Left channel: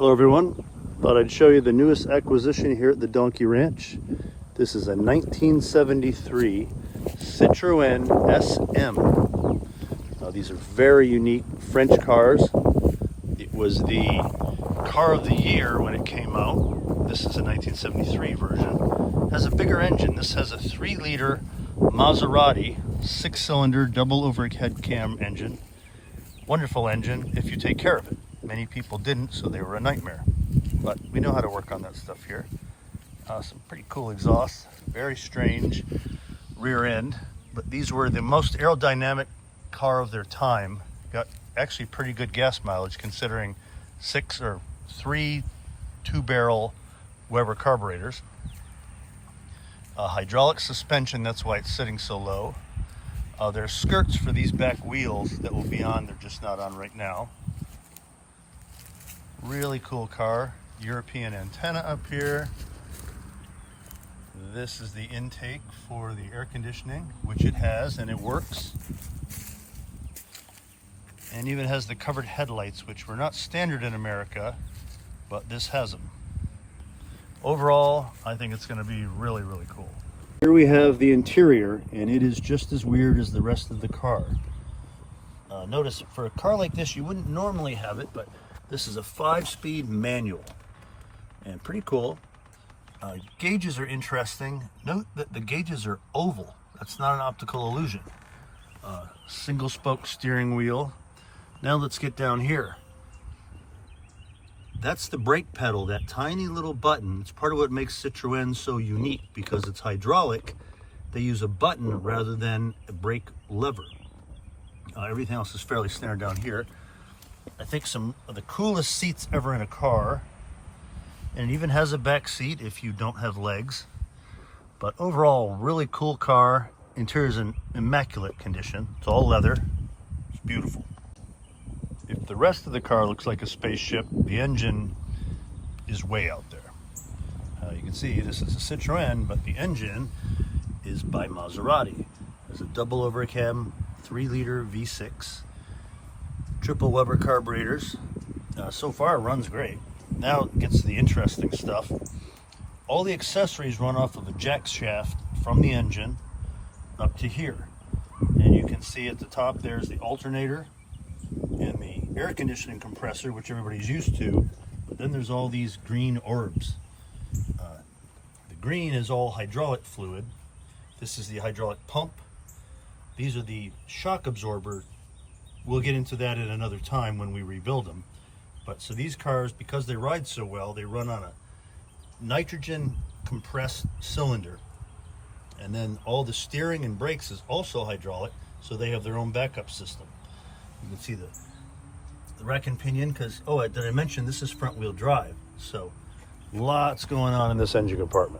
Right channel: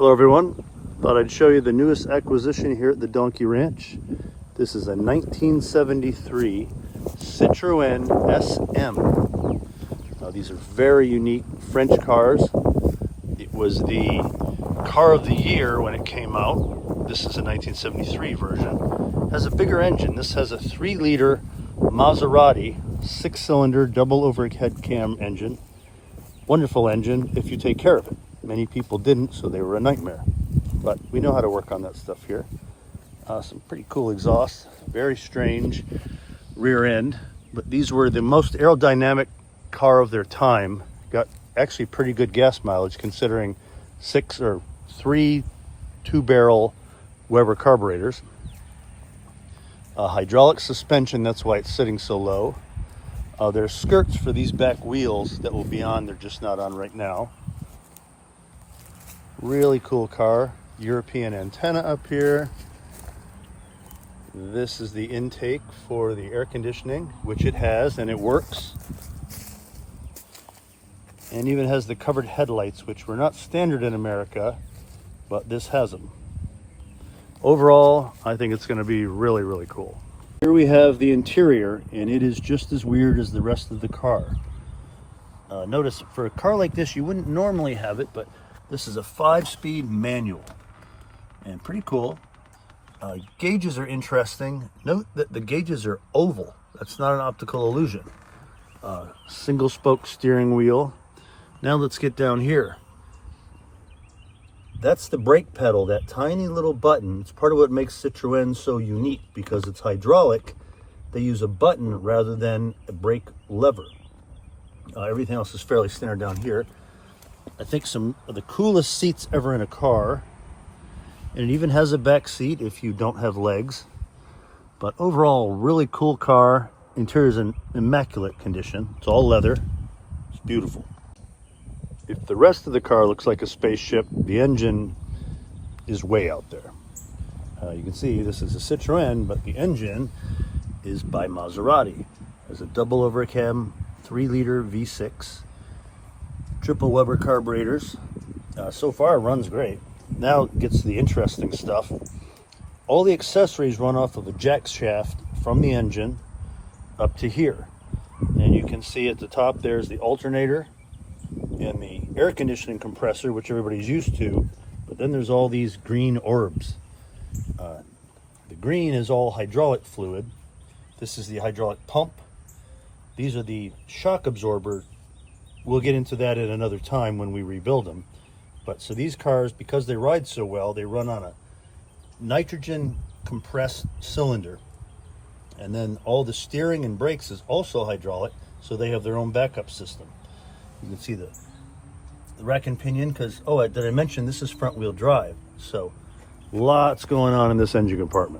Hello everyone, thought I'd show you the newest acquisition here at the Donkey Ranch. This is a 1973 Citroen SM. These are very unique French cars. It was the car of the year when it came out. This is a 1973 version. It has a bigger engine. This has a 3-liter Maserati 6-cylinder double overhead cam engine. Wonderful engine if you take care of it. Many people didn't, so they were a nightmare. But we know how to work on that stuff here. Some pretty cool exhaust, very strange rear end. But these were the most aerodynamic car of their time. Got actually pretty good gas mileage considering 3 2-barrel Weber carburetors. Hydraulic suspension, that's why it's sitting so low. There's skirts for these back wheels that will be on, they're just not on right now. Really cool car. European antenna up here. This is the intake for the air conditioning, which it has, and it works. And even has the covered headlights, which were not standard in America, but this has them. Overall, I think it's going to be really, really cool. Here we have the interior, and it is just as weird as the rest of the car. Notice, for a car like this, you wouldn't normally have it, but this is a 5-speed manual, and pretty cool. Gauges are interesting. Note that the gauges are oval. That's not an optical illusion. Single spoke steering wheel. Now let's get down here. That's the brake pedal, that tiny little button. It's part of what makes Citroen so unique, because it's hydraulic. They use a button rather than a brake lever. Everything else is fairly standard down here. I think some of the coolest seats ever in a car. And it even has a back seat if you don't have legs. But overall, really cool car. Interior is in immaculate condition. It's all leather. It's beautiful. If the rest of the car looks like a spaceship, the engine is way out there. You can see this is a Citroen, but the engine is by Maserati. There's a double overcam 3-liter V6. Triple Weber carburetors. So far it runs great. Now it gets the interesting stuff. All the accessories run off of a jack shaft from the engine up to here. And you can see at the top there's the alternator and the air conditioning compressor, which everybody's used to. But then there's all these green orbs. The green is all hydraulic fluid. This is the hydraulic pump. These are the shock absorber. We'll get into that at another time when we rebuild them. But so these cars, because they ride so well, they run on a nitrogen compressed cylinder. And then all the steering and brakes is also hydraulic, so they have their own backup system. You can see the rack and pinion, because, did I mention this is front wheel drive? So lots going on in this engine compartment.